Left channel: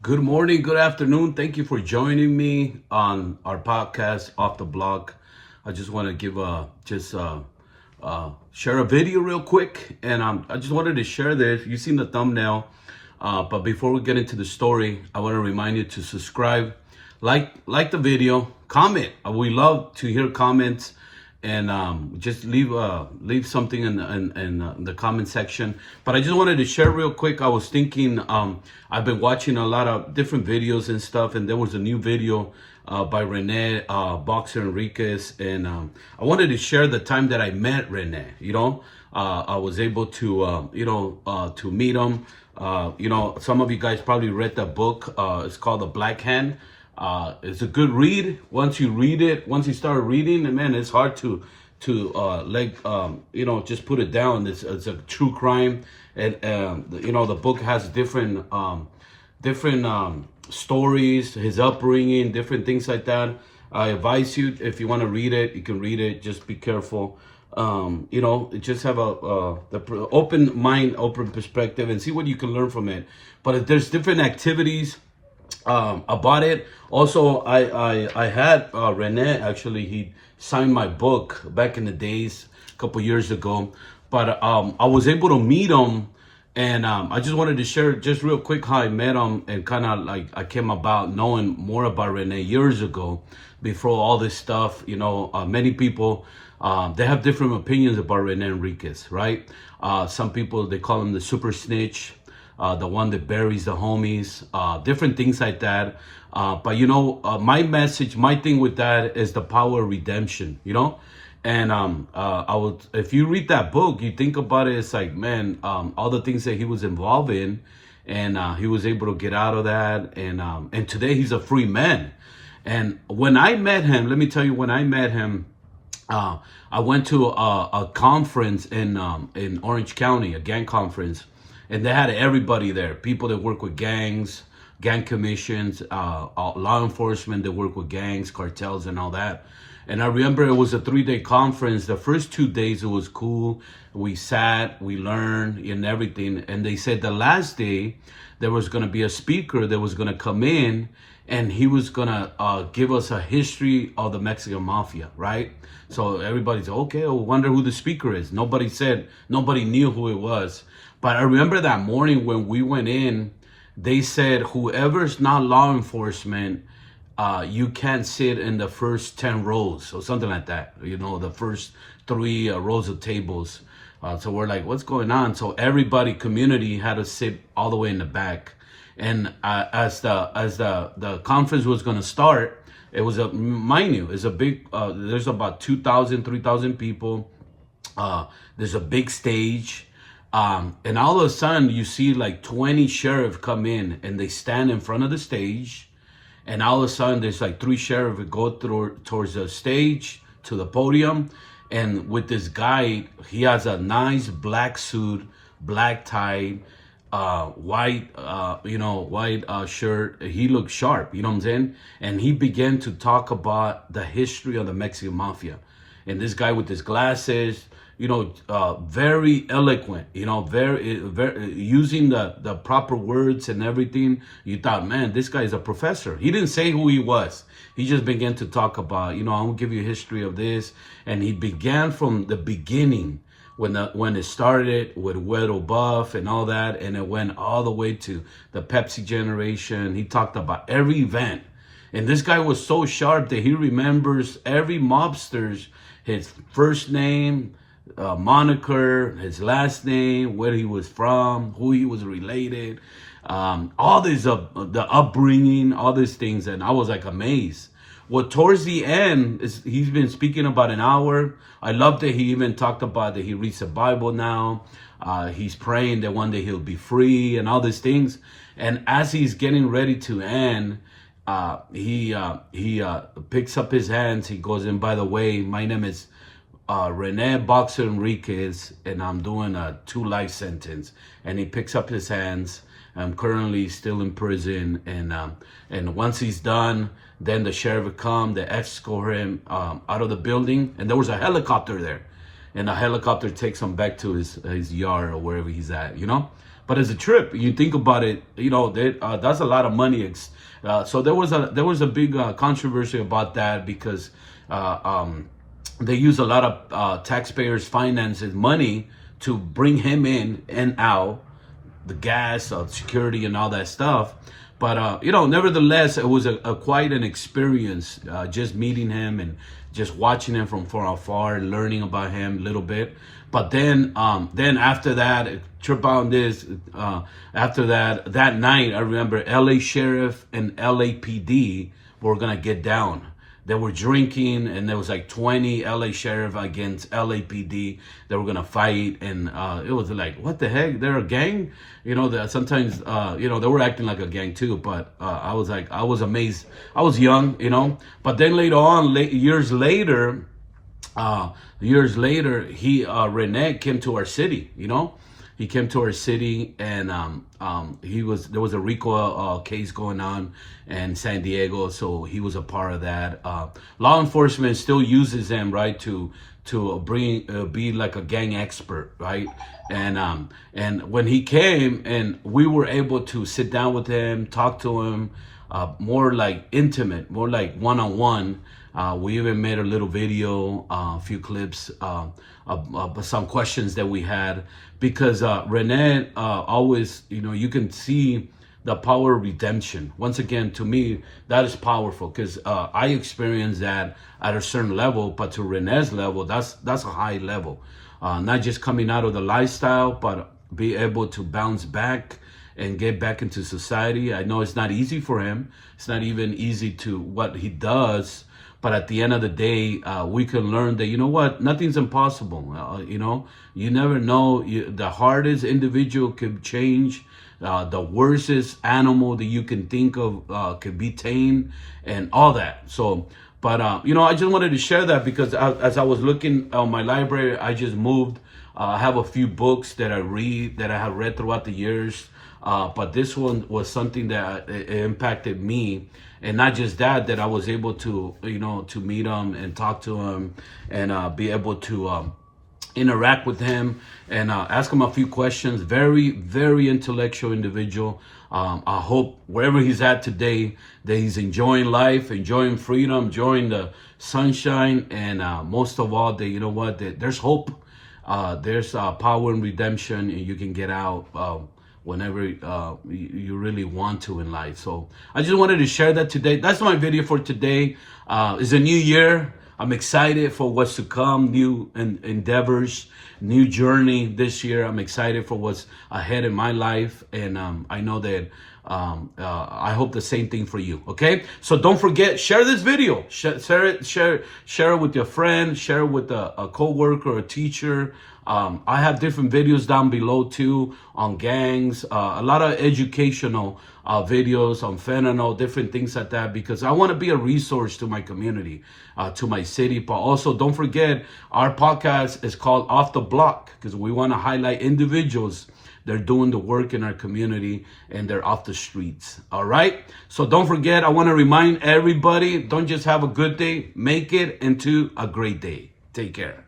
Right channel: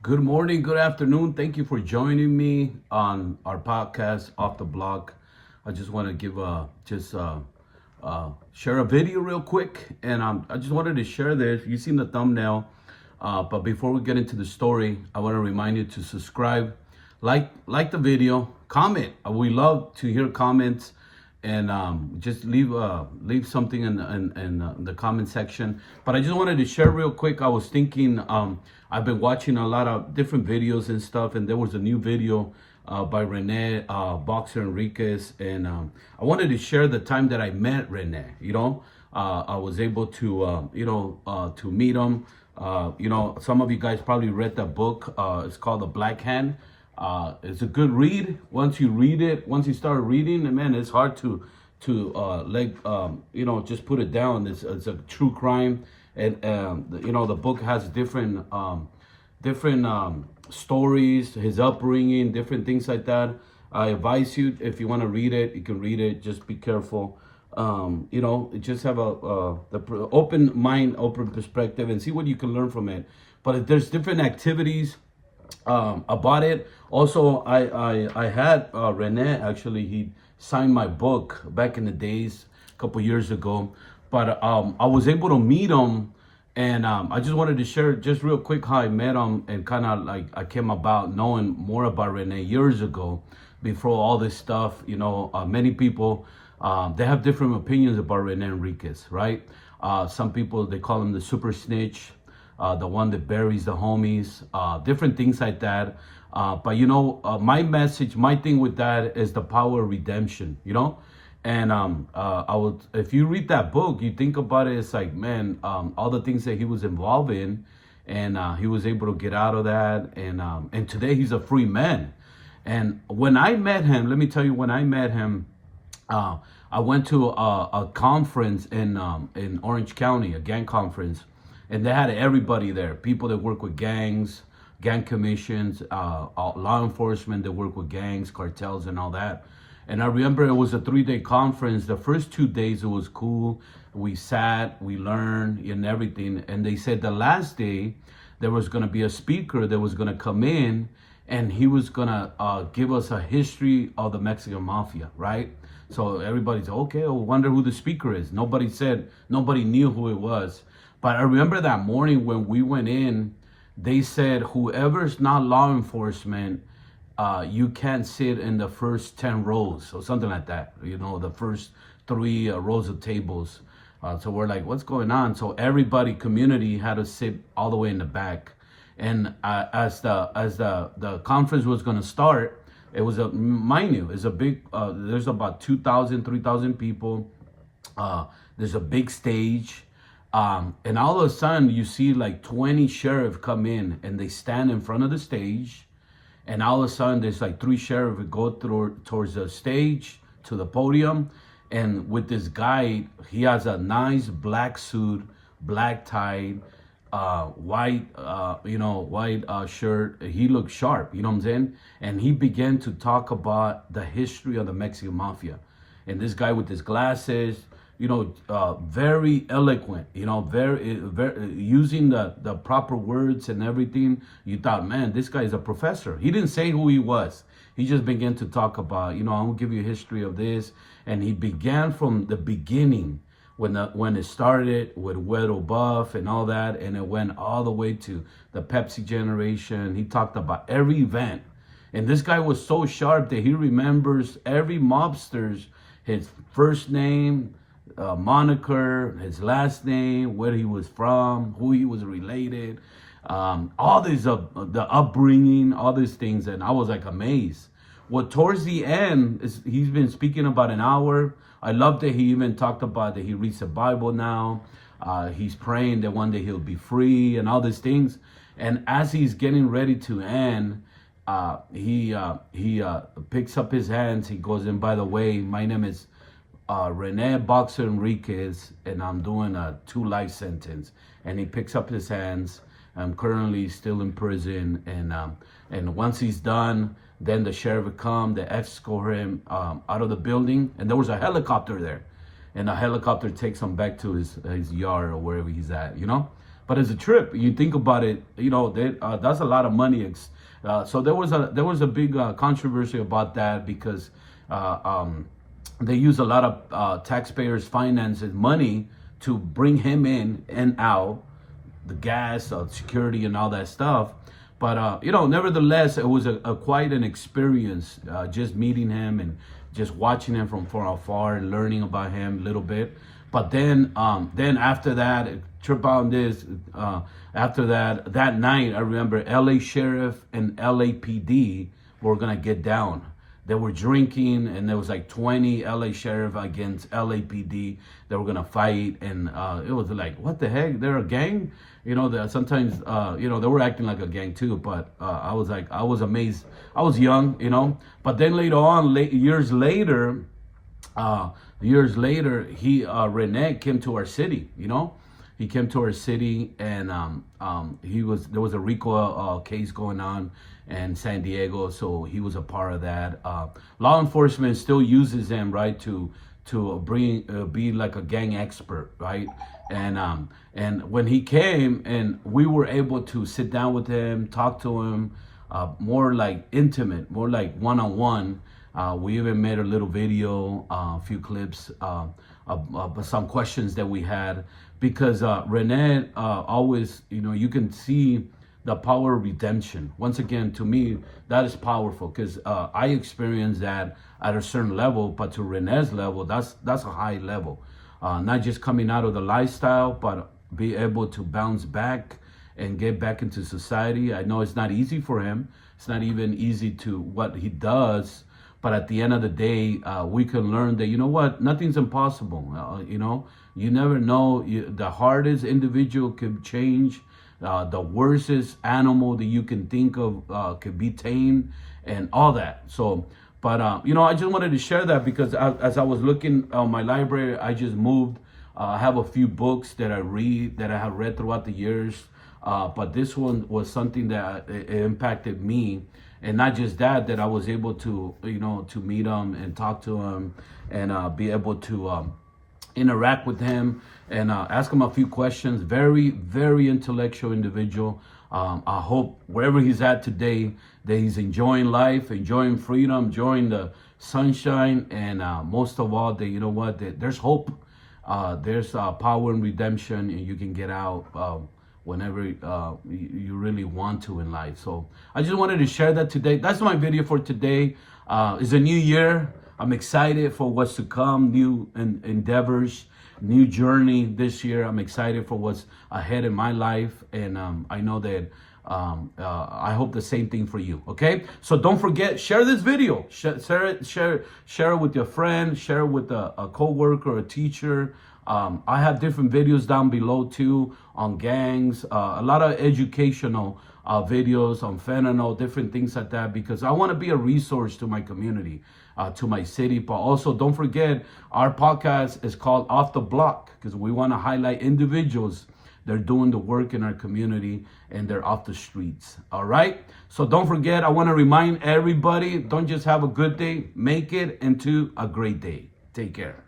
Good morning, good afternoon. Thank you for joining me on our podcast, Off the Block. I just want to give share a video real quick, and I just wanted to share this. You've seen the thumbnail, but before we get into the story, I want to remind you to subscribe, like the video, comment. We love to hear comments, and just leave something in the comment section. But I just wanted to share real quick. I was thinking, I've been watching a lot of different videos and stuff, and there was a new video by Rene, boxer Enriquez, and I wanted to share the time that I met Rene. I was able to to meet him. Some of you guys probably read the book. It's called The Black Hand. It's a good read. Once you start reading, and man, it's hard to just put it down. It's a true crime, and the book has different stories, his upbringing, different things like that. I advise you, if you want to read it, you can read it. Just be careful. Just have the open mind, open perspective, and see what you can learn from it. But if there's different activities about it. Also, I had Rene, actually. He signed my book back in the days, a couple years ago. But I was able to meet him, and I just wanted to share just real quick how I met him, and kind of like I came about knowing more about Rene years ago, before all this stuff. Many people, they have different opinions about Rene Enriquez, right? Some people, they call him the super snitch, the one that buries the homies, different things like that. But my message, my thing with that is the power of redemption. And if you read that book, you think about it, it's like, man, all the things that he was involved in, and he was able to get out of that, and today he's a free man. And when I met him, let me tell you, when I met him, I went to a conference in Orange County, a gang conference, and they had everybody there, people that work with gangs, gang commissions, law enforcement that work with gangs, cartels, and all that. And I remember it was a 3-day conference. The first 2 days, it was cool. We sat, we learned, and everything. And they said the last day, there was going to be a speaker that was going to come in, and he was going to give us a history of the Mexican mafia, right? So everybody's okay, I wonder who the speaker is. Nobody knew who it was. But I remember that morning when we went in, they said, whoever's not law enforcement, you can't sit in the first 10 rows or something like that. The first 3 rows of tables. So we're like, what's going on? So everybody, community, had to sit all the way in the back. And as the conference was going to start, it was mind you, it's a big, there's about 2,000, 3,000 people. There's a big stage. And all of a sudden, you see like 20 sheriff come in, and they stand in front of the stage. And all of a sudden, there's like 3 sheriff that go towards the stage to the podium. And with this guy, he has a nice black suit, black tie, white shirt. He looked sharp, you know what I'm saying? And he began to talk about the history of the Mexican mafia. And this guy with his glasses, very eloquent, very using the proper words and everything. You thought, man, this guy is a professor. He didn't say who he was. He just began to talk about, I'll give you a history of this. And he began from the beginning, when it started with Weddle Buff and all that, and it went all the way to the Pepsi generation. He talked about every event. And this guy was so sharp that he remembers every mobster's, his first name, moniker, his last name, where he was from, who he was related, all this, the upbringing, all these things. And I was like amazed. Well, towards the end, he's been speaking about an hour. I love that he even talked about that he reads the Bible now. He's praying that one day he'll be free and all these things. And as he's getting ready to end, he picks up his hands. He goes, and by the way, my name is Rene Boxer Enriquez, and I'm doing a 2 life sentence. And he picks up his hands. I'm currently still in prison, and once he's done, then the sheriff would come, they escort him out of the building, and there was a helicopter there, and the helicopter takes him back to his yard or wherever he's at. but as a trip, you think about it, that's a lot of money. So there was a big controversy about that because they use a lot of taxpayers' finances money to bring him in and out, the gas, security, and all that stuff. But nevertheless, it was a quite an experience, just meeting him and just watching him from far afar, learning about him a little bit. But then after that, trip on this. After that night, I remember L.A. Sheriff and LAPD were gonna get down. They were drinking, and there was like 20 LA Sheriff against LAPD. They were gonna fight, and it was like, what the heck? They're a gang, That sometimes, they were acting like a gang too. But I was amazed. I was young, But then later on, years later, he Rene came to our city, He came to our city, and there was a RICO case going on in San Diego, so he was a part of that. Law enforcement still uses him, right, to be like a gang expert, right? And when he came, and we were able to sit down with him, talk to him, more like intimate, more like one-on-one. We even made a little video, a few clips, some questions that we had, because Rene always, you can see the power of redemption. Once again, to me, that is powerful, because I experienced that at a certain level, but to Rene's level, that's a high level. Not just coming out of the lifestyle, but be able to bounce back and get back into society. I know it's not easy for him. It's not even easy to what he does. But at the end of the day, we can learn that, nothing's impossible. You never know. The hardest individual could change. The worstest animal that you can think of could be tamed, and all that. So, but, I just wanted to share that because as I was looking on my library, I just moved. I have a few books that I have read throughout the years. But this one was something that it impacted me. And not just that I was able to, to meet him and talk to him, and be able to interact with him and ask him a few questions. Very, very intellectual individual. I hope wherever he's at today that he's enjoying life, enjoying freedom, enjoying the sunshine, and most of all, that there's hope. There's power in redemption, and you can get out whenever you really want to in life. So I just wanted to share that today. That's my video for today. It's a new year. I'm excited for what's to come, new endeavors, new journey this year. I'm excited for what's ahead in my life, and I know that I hope the same thing for you. Okay, so don't forget, share this video, share it with your friend, share it with a co-worker, a teacher. I have different videos down below too on gangs, a lot of educational videos on fentanyl, different things like that, because I want to be a resource to my community, to my city. But also, don't forget, our podcast is called Off the Block, because we want to highlight individuals. They're doing the work in our community, and they're off the streets. All right. So don't forget, I want to remind everybody, don't just have a good day, make it into a great day. Take care.